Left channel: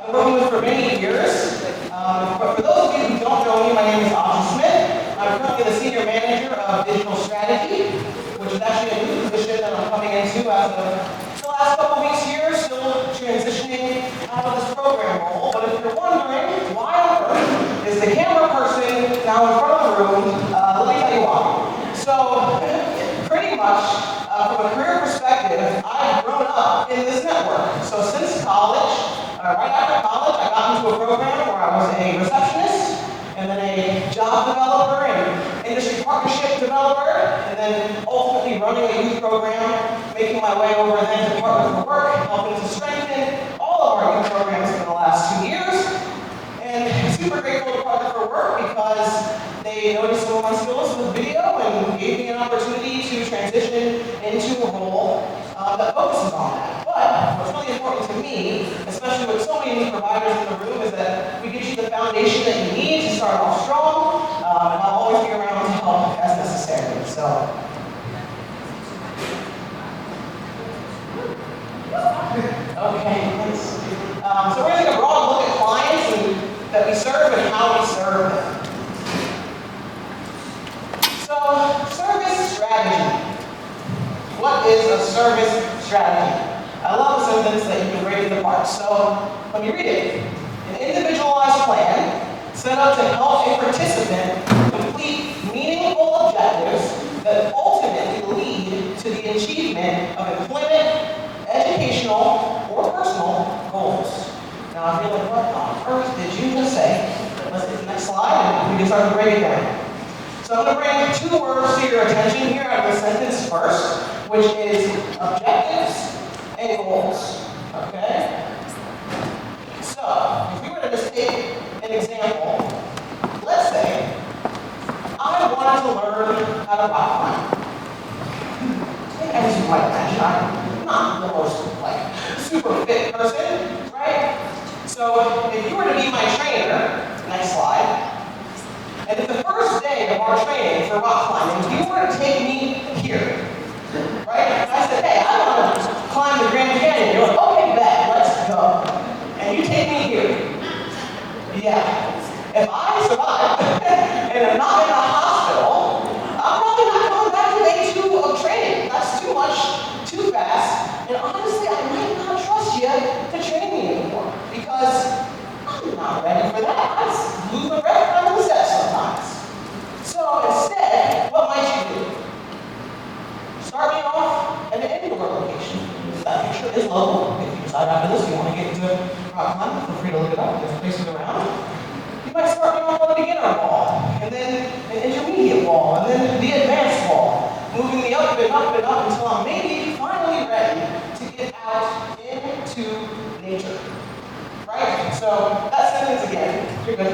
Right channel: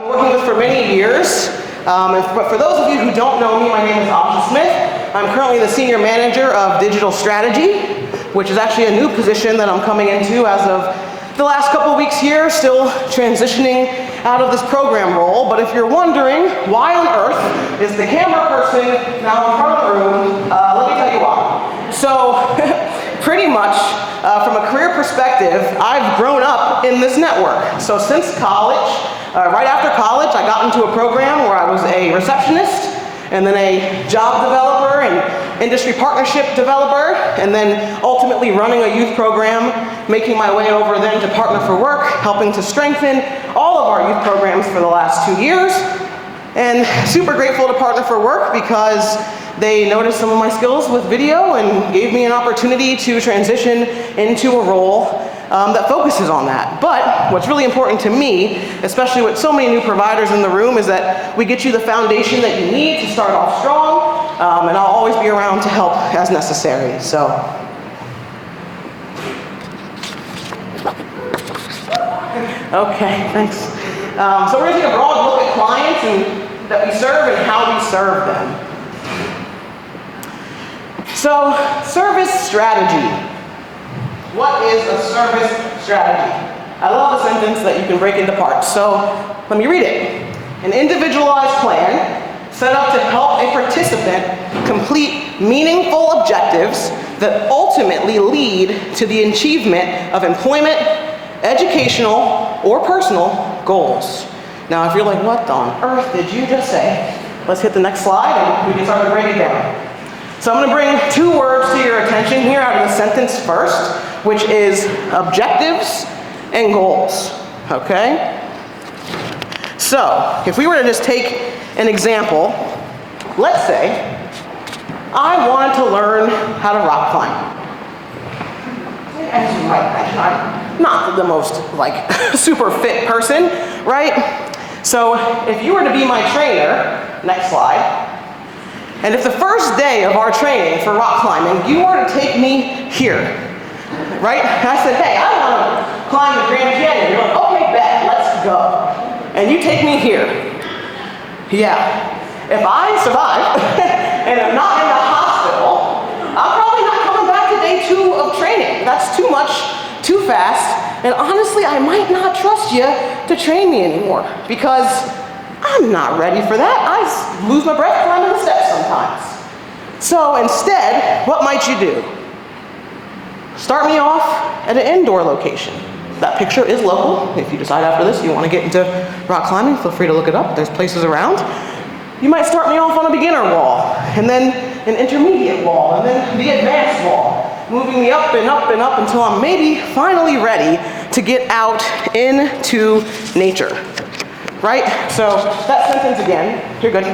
I've been working with for many years. But for those of you who don't know me, my name is Smith. I'm currently the Senior Manager of Digital Strategy, which is actually a new position that I'm coming into as of the last couple weeks here, still transitioning out of this program role. But if you're wondering why on earth is the camera person now in front of the room, let me tell you why. So pretty much from a career perspective, I've grown up in this network. So since college, right after college, I got into a program where I was a receptionist, and then a job developer and industry partnership developer, and then ultimately running a youth program, making my way over then to Partner for Work, helping to strengthen all of our youth programs for the last 2 years. And super grateful to Partner for Work because they noticed some of my skills with video and gave me an opportunity to transition into a role that focuses on that. But what's really important to me, especially with so many new providers in the room, is that we get you the foundation that you need to start off strong, and I'll always be around to help as necessary. So. Okay, thanks. So we're going to take a broad look at clients that we serve and how we serve them. So, service strategy. What is a service strategy? I love the sentence that you can break into parts. So, let me read it. An individualized plan set up to help a participant complete meaningful objectives that ultimately lead to the achievement of employment, educational, or personal goals. Now, if you're like, what on earth did you just say? Let's hit the next slide and we can start to break it down. So I'm going to bring 2 words to your attention here out of the sentence first, which is objectives and goals, okay? So, if we were to just take an example, let's say I wanted to learn how to rock climb. I'm not the most, super fit person, right? So, if you were to be my trainer, next slide, and if the first day of our training for rock climbing, you were to take me here, right? And I said, hey, I want to climb the Grand Canyon. You're like, okay, bet, let's go. And you take me here. Yeah. If I survive and I'm not in the hospital, I'm probably not coming back to day 2 of training. That's too much, too fast. And honestly, I might not trust you to train me anymore because I'm not ready for that. I lose my breath climbing the steps sometimes. So instead, what might you do? Start me off at an indoor location. That picture is local. If you decide after this you want to get into rock climbing, feel free to look it up. There's places around. You might start me off on a beginner wall, and then an intermediate wall, and then the advanced wall, moving me up and up and up until I'm maybe finally ready to get out into nature. Right? So that sentence again, you're good.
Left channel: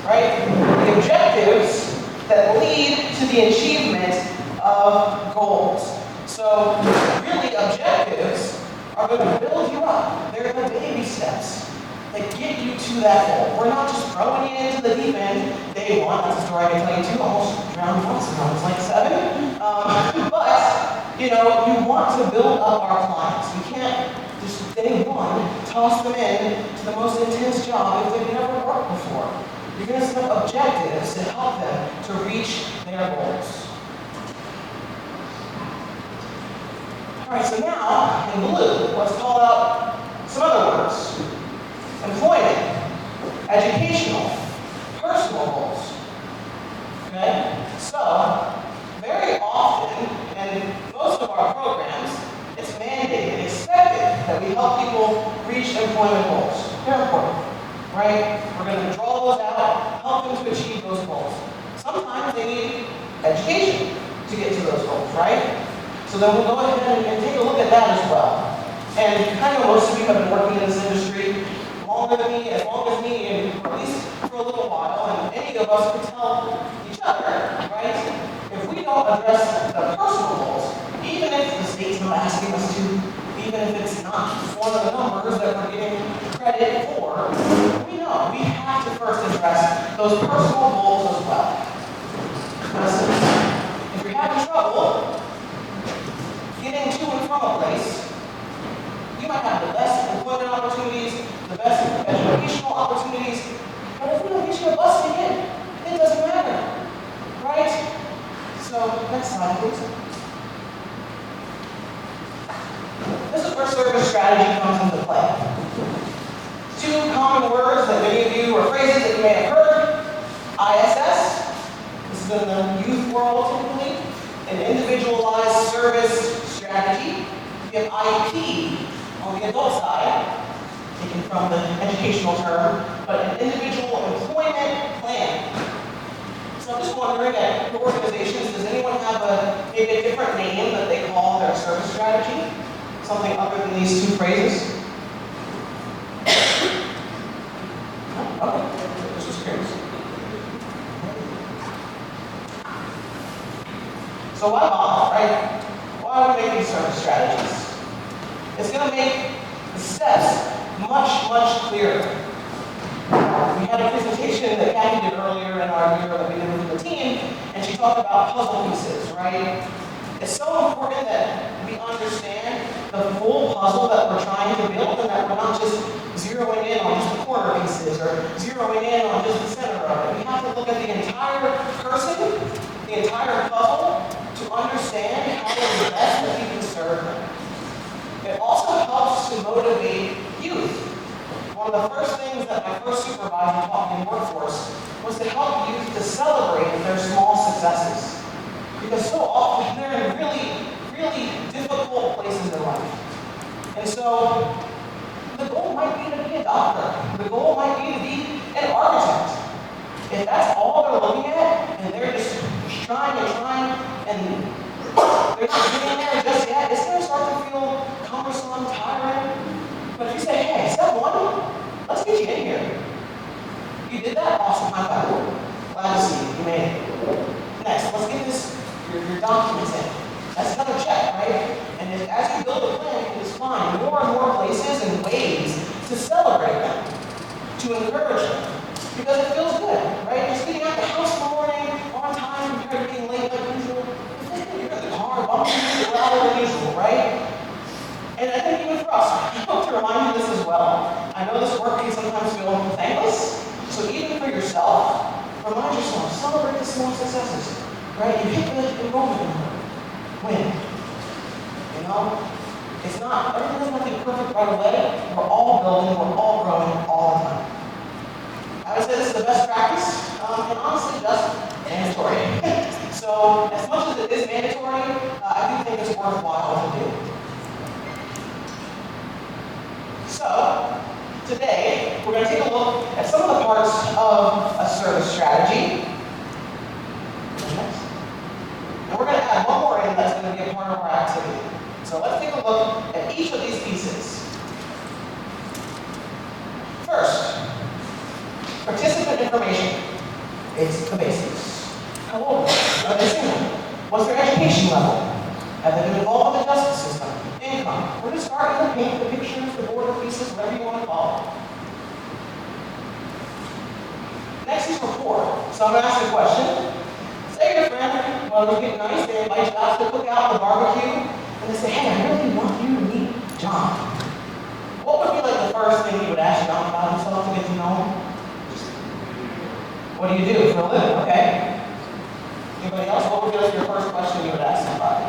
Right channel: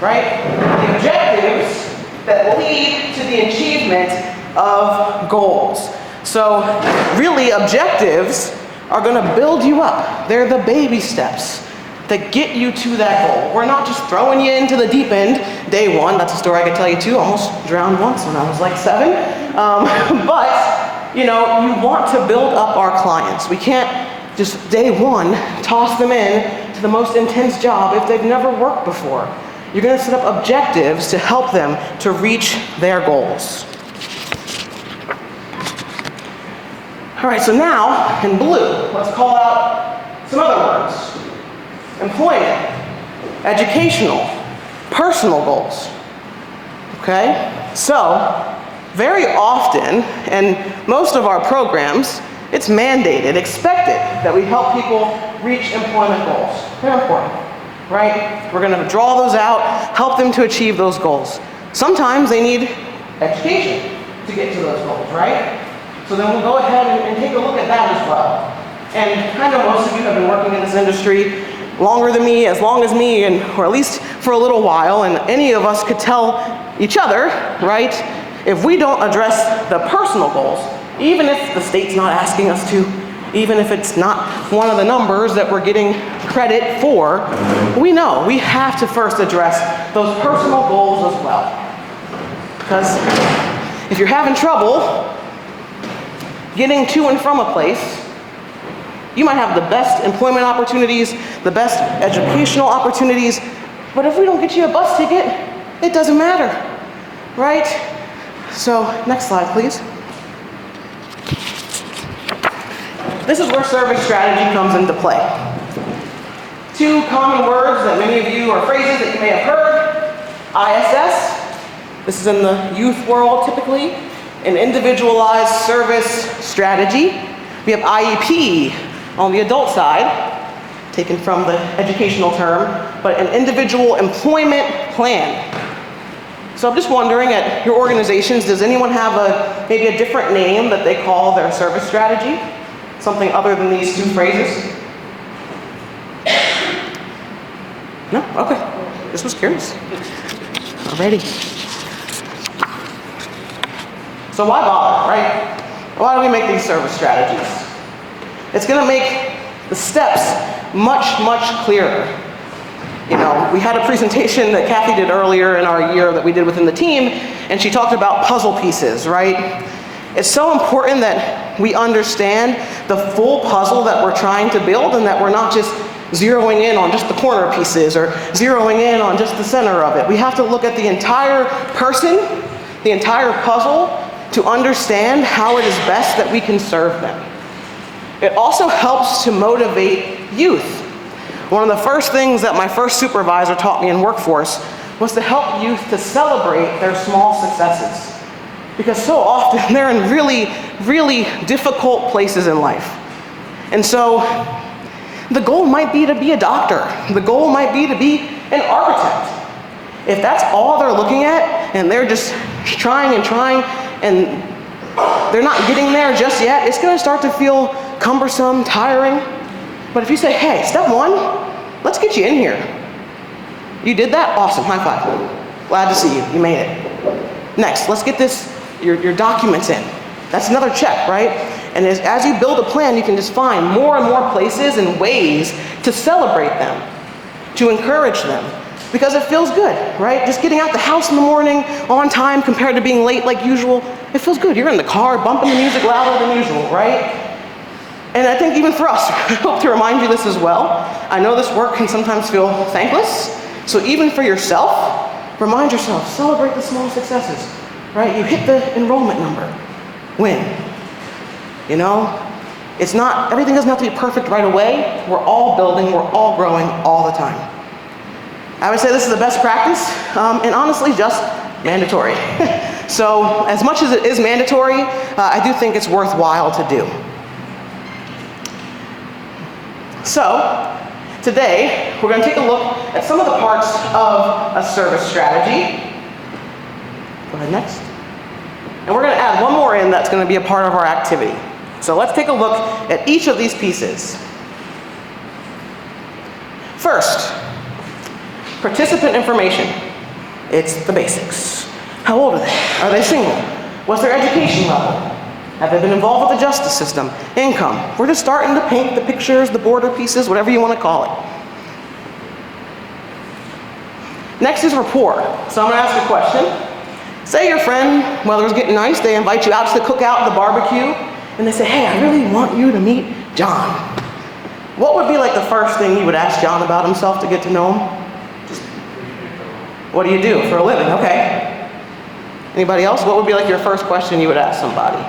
Right? The objectives that lead to the achievement of goals. So really, objectives are going to build you up. They're the baby steps that get you to that goal. We're not just throwing you into the deep end day 1. That's a story I could tell you too. Almost drowned once when I was like 7. But you want to build up our clients. We can't just day 1 toss them in to the most intense job if they've never worked before. You're going to set up objectives to help them to reach their goals. All right, so now in blue, let's call out some other words. Employment, educational, personal goals. Okay? So, very often, in most of our programs, it's mandated, expected, that we help people reach employment goals. Very important, right? We're going to draw those out, help them to achieve those goals. Sometimes they need education to get to those goals, right? So then we'll go ahead and take a look at that as well. And I know most of you have been working in this industry longer than me, as long as me, or at least for a little while, and any of us could tell each other, right, if we don't address the personal goals, even if the state's not asking us to, even if it's not one of the numbers that we're getting credit for, we know we have to first address those personal goals as well. Because if you're having trouble getting to and from a place, You might have the best employment opportunities, the best educational opportunities, but if we don't get you a bus ticket, it doesn't matter, right? So, next slide, please. This is where service strategy comes into play. Two common words that many of you, or phrases that you may have heard. ISS, this is in the youth world typically, an individualized service strategy. We have IEP on the adult side, taken from the educational term, but an individual employment plan. So I'm just wondering, at your organizations, does anyone have maybe a different name that they call their service strategy? Something other than these two phrases? No? Okay. Just was curious. Alrighty. So why bother, right? Why do we make these service strategies? It's going to make the steps much, much clearer. You know, we had a presentation that Kathy did earlier in our year that we did within the team, and she talked about puzzle pieces, right? It's so important that we understand the full puzzle that we're trying to build, and that we're not just zeroing in on just the corner pieces or zeroing in on just the center of it. We have to look at the entire person, the entire puzzle, to understand how it is best that we can serve them. It also helps to motivate youth. One of the first things that my first supervisor taught me in workforce was to help youth to celebrate their small successes. Because so often they're in really, really difficult places in life. And so the goal might be to be a doctor. The goal might be to be an architect. If that's all they're looking at, and they're just trying and they're not getting there just yet, it's going to start to feel cumbersome, tiring. But if you say, hey, step one, let's get you in here. You did that? Awesome, high five. Glad to see you, you made it. Next, let's get your documents in. That's another check, right? And as you build a plan, you can just find more and more places and ways to celebrate them, to encourage them. Because it feels good, right? Just getting out the house in the morning on time compared to being late like usual, it feels good. You're in the car bumping the music louder than usual, right? And I think even for us, I hope to remind you this as well. I know this work can sometimes feel thankless, so even for yourself, remind yourself, celebrate the small successes, right? You hit the enrollment number, win. You know, it's not, everything doesn't have to be perfect right away. We're all building, we're all growing all the time. I would say this is the best practice, and honestly, just mandatory. So, as much as it is mandatory, I do think it's worthwhile to do. So, today, we're going to take a look at some of the parts of a service strategy. Go ahead, next. And we're going to add one more in that's going to be a part of our activity. So let's take a look at each of these pieces. First, participant information. It's the basics. How old are they? Are they single? What's their education level? Have they been involved with the justice system? Income. We're just starting to paint the pictures, the border pieces, whatever you want to call it. Next is rapport. So I'm going to ask a question. Say your friend, weather's getting nice, they invite you out to the cookout, the barbecue, and they say, hey, I really want you to meet John. What would be like the first thing you would ask John about himself to get to know him? What do you do for a living? Okay. Anybody else? What would be like your first question you would ask somebody?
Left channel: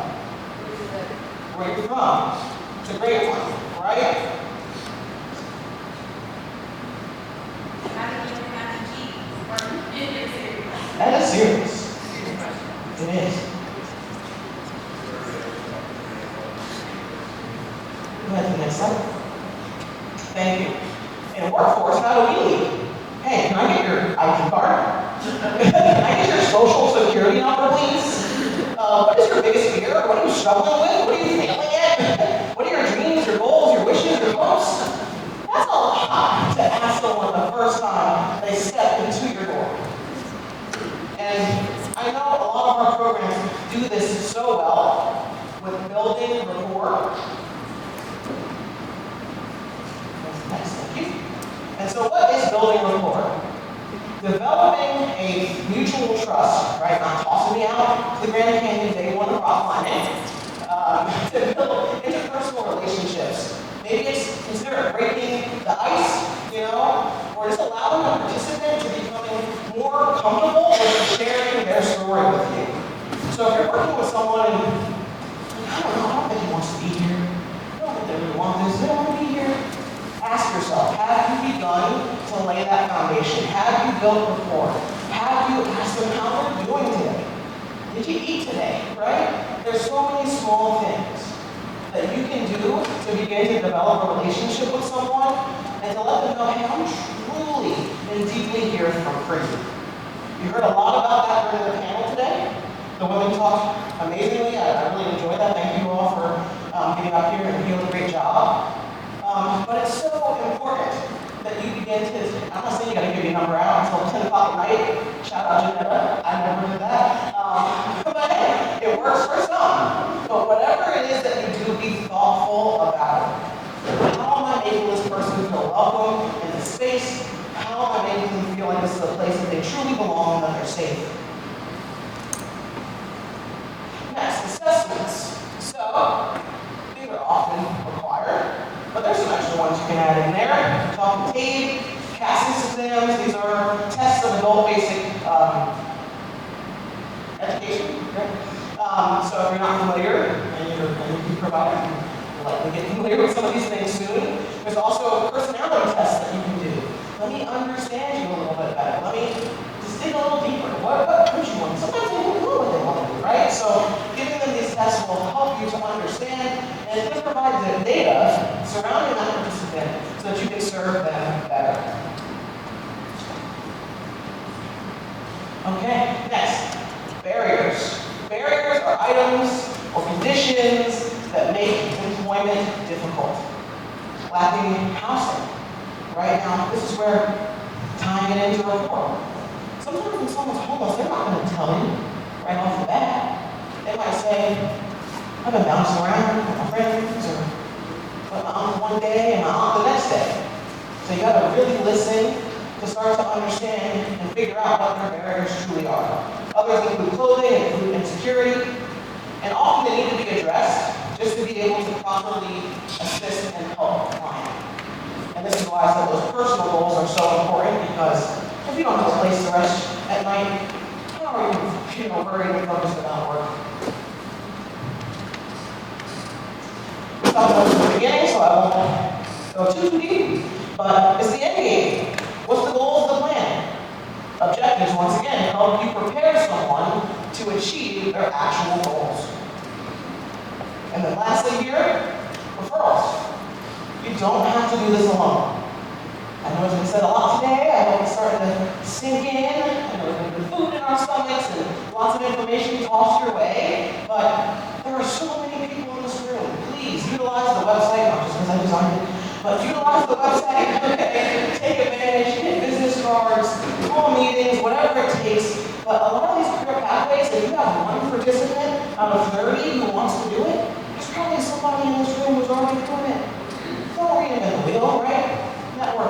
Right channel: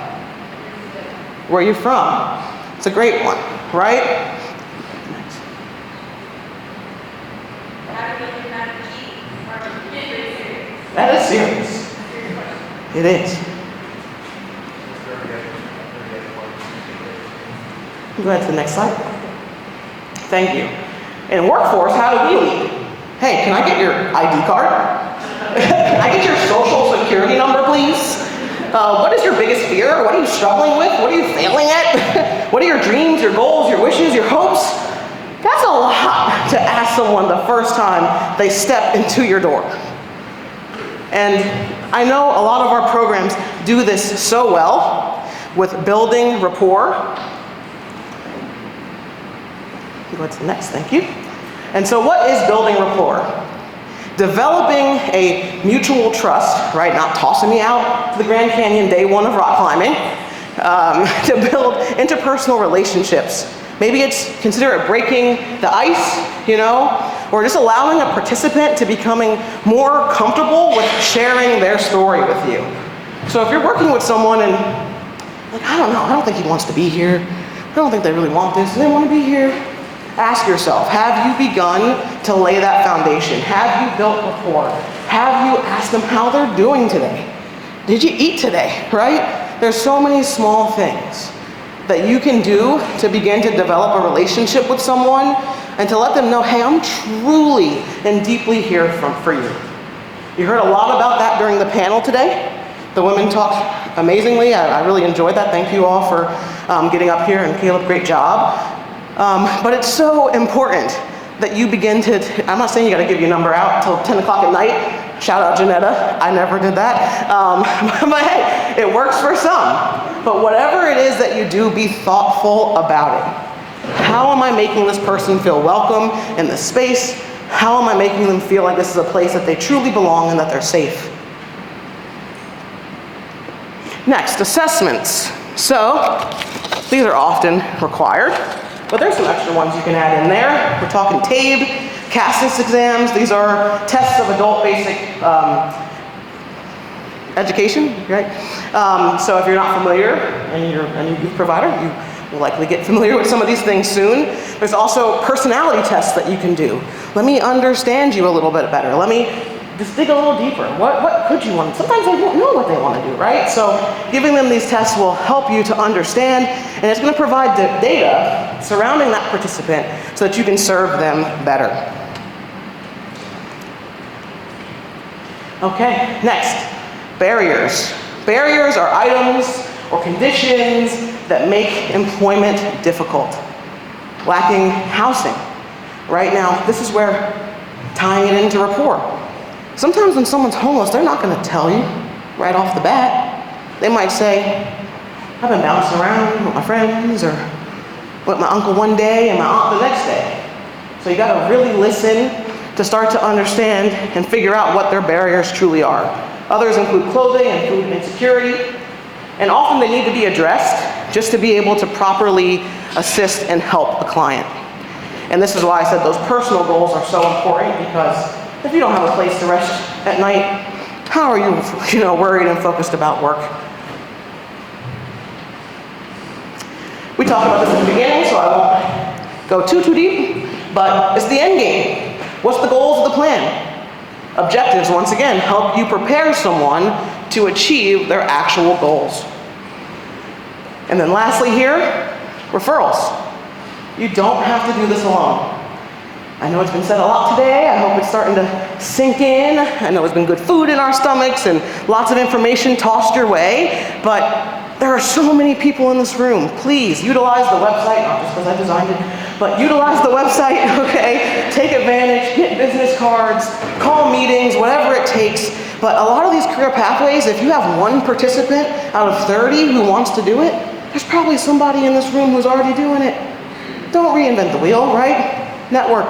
Where are you from? It's a great one, right? That is serious. It is. Go ahead to the next slide. Thank you. In workforce, how do we lead? Hey, can I get your ID card? Can I get your social security number, please? What is your biggest fear? What are you struggling with? What are you failing at? What are your dreams, your goals, your wishes, your hopes? That's a lot to ask someone the first time they step into your door. And I know a lot of our programs do this so well with building rapport. What's the next? Thank you. And so what is building rapport? Developing a mutual trust, right? Not tossing me out to the Grand Canyon day one of rock climbing, to build interpersonal relationships Maybe it's consider it breaking the ice, you know, or just allowing a participant to becoming more comfortable with sharing their story with you. So if you're working with someone and, like, I don't know, I don't think he wants to be here. I don't think they really want this. Do they want to be here? Ask yourself, have you begun to lay that foundation? Have you built rapport? Have you asked them how they're doing today? Did you eat today, right? There's so many small things that you can do to begin to develop a relationship with someone and to let them know, hey, I'm truly and deeply here for you. You heard a lot about that during the panel today. The women talked amazingly. I really enjoyed that. Thank you all for getting up here, and Caleb, great job. But it's so important that you begin to, I'm not saying you got to give your number out until 10 o'clock at night. Shout out Janetta, I never did that. But hey, it works for some. But whatever it is that you do, be thoughtful about it. How am I making this person feel welcome in this space? How am I making them feel like this is a place that they truly belong and that they're safe? Next, assessments. So, these are often required, but there's some extra ones you can add in there. We're talking TABE, CASIS exams. These are tests of adult basic education, right? So if you're not familiar and you're an ED provider, you will likely get familiar with some of these things soon. There's also personality tests that you can do. Let me understand you a little bit better. Let me just dig a little deeper. What could you want? Sometimes they don't know what they want to do, right? So giving them these tests will help you to understand, and it's going to provide the data surrounding that participant so that you can serve them better. Okay, next, barriers. Barriers are items or conditions that make employment difficult. Lacking housing. Right now, this is where tying it into rapport. Sometimes when someone's homeless, they're not going to tell you right off the bat. They might say, I've been bouncing around with my friends, or with my uncle one day and my aunt the next day. So you got to really listen to start to understand and figure out what their barriers truly are. Others include clothing, include insecurity, and often they need to be addressed just to be able to properly assist and help a client. And this is why I said those personal goals are so important, because if you don't have a place to rest at night, how are you, worried and focused about work? We talked about this at the beginning, so I won't go too deep, but it's the end game. What's the goals of the plan? Objectives, once again, help you prepare someone to achieve their actual goals. And then lastly here, referrals. You don't have to do this alone. I know it's been said a lot today. I hope it's starting to sink in. I know there's been good food in our stomachs and lots of information tossed your way, but there are so many people in this room. Please utilize the website, not just because I designed it, but utilize the website, okay? Take advantage, get business cards, call meetings, whatever it takes. But a lot of these career pathways, if you have one participant out of 30 who wants to do it, there's probably somebody in this room who's already doing it. Don't reinvent the wheel, right? Network.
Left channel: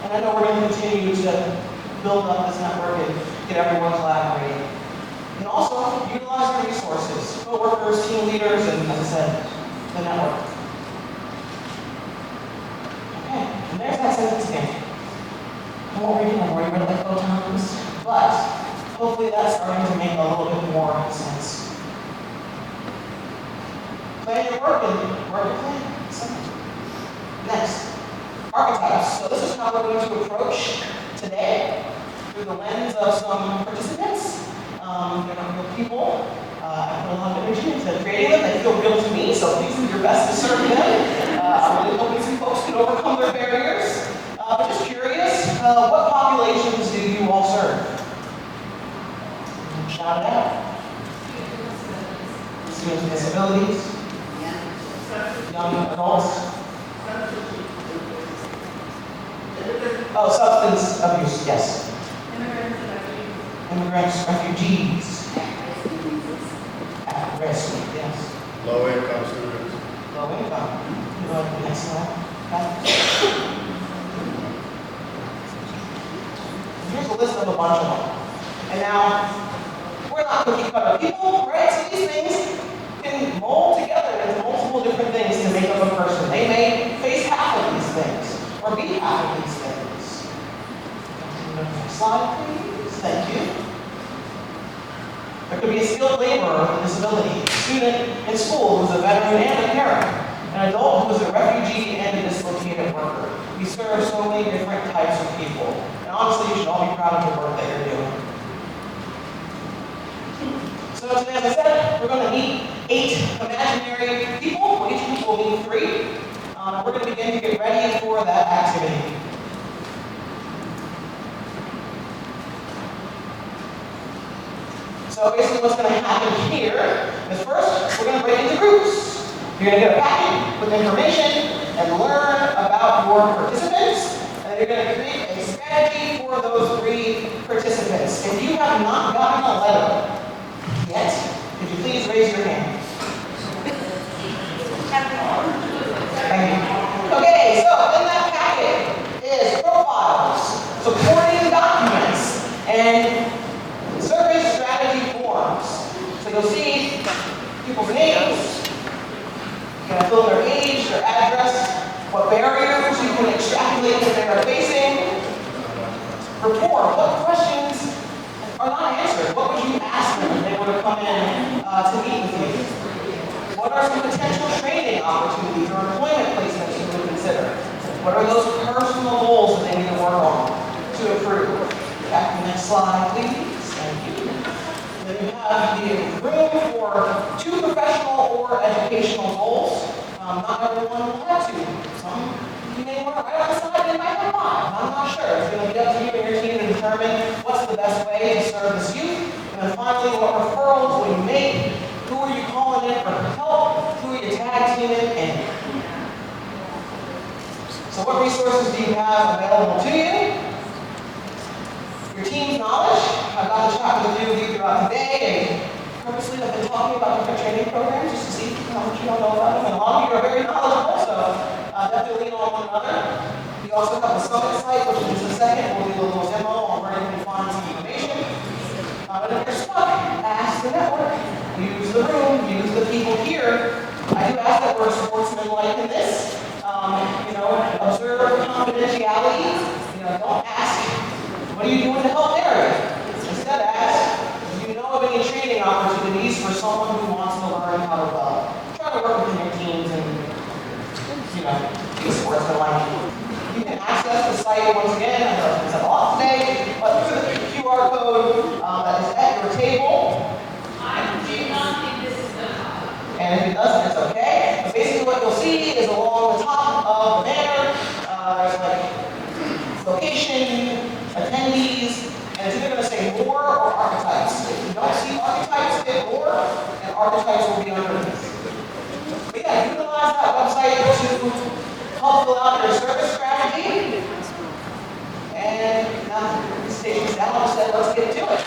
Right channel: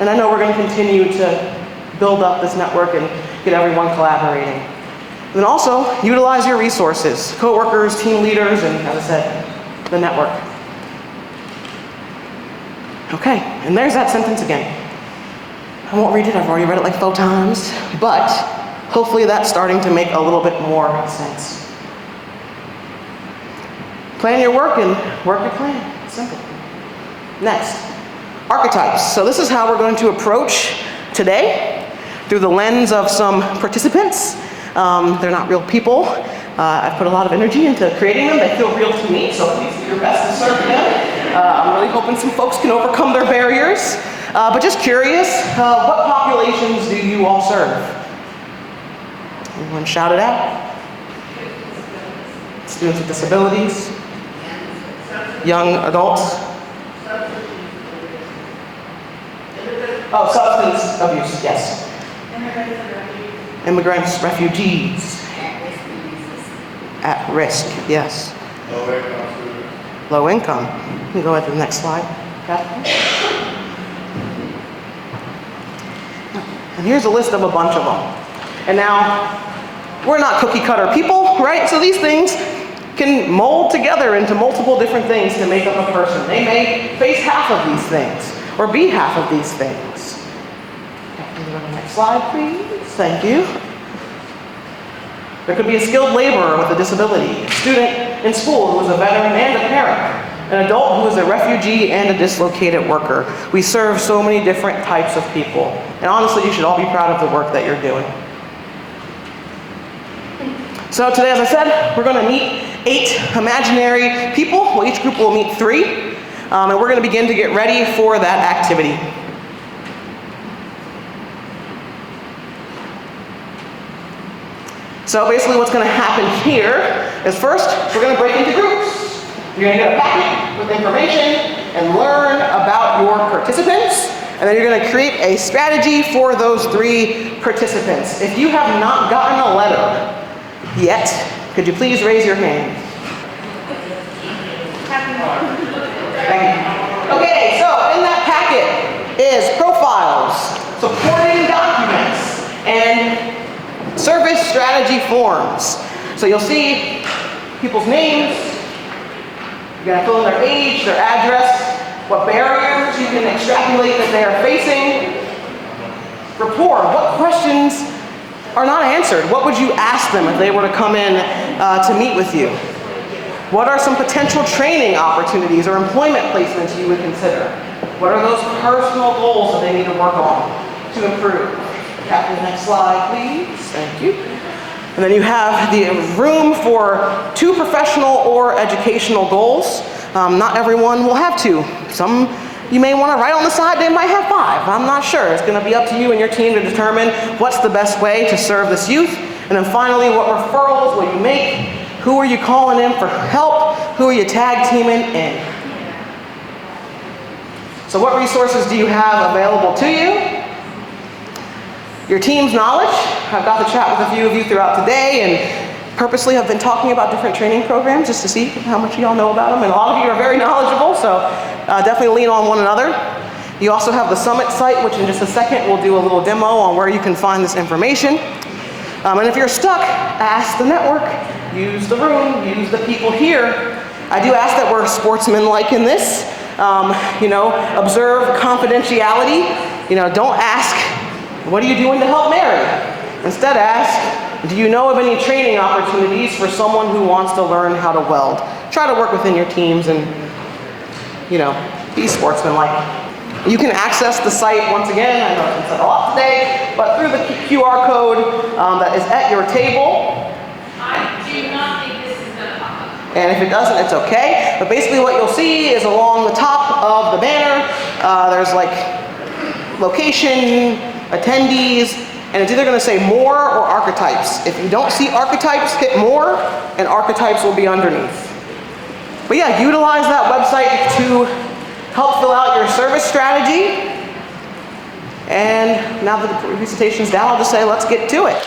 And I know we're going to continue to build up this network and get everyone collaborating. And then also, utilize your resources, coworkers, team leaders, and as I said, the network. Okay, and there's that sentence again. I won't read it, I've already read it like 4 times, but hopefully that's starting to make a little bit more sense. Plan your work and work your plan. It's simple. Next, archetypes. So this is how we're going to approach today through the lens of some participants. They're not real people. I've put a lot of energy into creating them. They feel real to me, so please do your best to serve them. I'm really hoping some folks can overcome their barriers. But just curious, what populations do you all serve? Everyone shout it out. Students with disabilities, young adults. Oh, substance abuse, yes. Immigrants, refugees. At risk, yes. Low income students. Low income. You can go ahead to the next slide. Here's a list of a bunch of them. And now, we're not cookie cutter people, right? So these things, can mold together into multiple different things to make up a person. They may face half of these things, or be half of these things. Can you go to the next slide, please? Thank you. There could be a skilled laborer with a disability, a student in school who is a veteran and a parent, an adult who is a refugee and a dislocated worker. We serve so many different types of people. And honestly, you should all be proud of the work that you're doing. So today, as I said, we're going to meet 8 imaginary people. Well, each group will meet 3. And we're going to begin to get ready for that activity. So basically what's going to happen here is first, we're going to break into groups. You're going to get a packet with information and learn about your participants. And then you're going to create a strategy for those 3 participants. If you have not gotten a letter yet, could you please raise your hand? Thank you. Okay, so in that packet is profiles, supporting documents, and service strategy forms. So you'll see people's names, you're going to fill in their age, their address, what barriers you can extrapolate that they are facing. Rapport, what questions are not answered? What would you ask them if they were to come in to meet with you? What are some potential training opportunities or employment placements you would consider? What are those personal goals that they need to work on to improve? After the next slide, please. Thank you. And then you have the room for 2 professional or educational goals. Not everyone will have 2. Some you may want to write on the side, they might have 5. I'm not sure. It's going to be up to you and your team to determine what's the best way to serve this youth. And then finally, what referrals will you make? Who are you calling in for help? Who are you tag teaming in? So what resources do you have available to you? Your team's knowledge. I've got to chat with a few of you throughout the day and purposely have been talking about different training programs just to see how much y'all know about them. And a lot of you are very knowledgeable, so definitely lean on one another. You also have the Summit site, which in just a second we'll do a little demo on where you can find this information. And if you're stuck, ask the network, use the room, use the people here. I do ask that we're sportsmanlike in this. Observe confidentiality. Don't ask, what are you doing to help Mary? Instead ask, do you know of any training opportunities for someone who wants to learn how to weld? Try to work within your teams and, be sportsmanlike. You can access the site once again, I know I said a lot today, but through the QR code that is at your table. I do not think this is going to pop up. And if it doesn't, it's okay. But basically what you'll see is along the top of the banner, there's like location, attendees, and it's either going to say more or archetypes. If you don't see archetypes, hit more, and archetypes will be underneath. But yeah, utilize that website to help fill out your service strategy. And now that the presentation's down, I'll just say, let's get to it.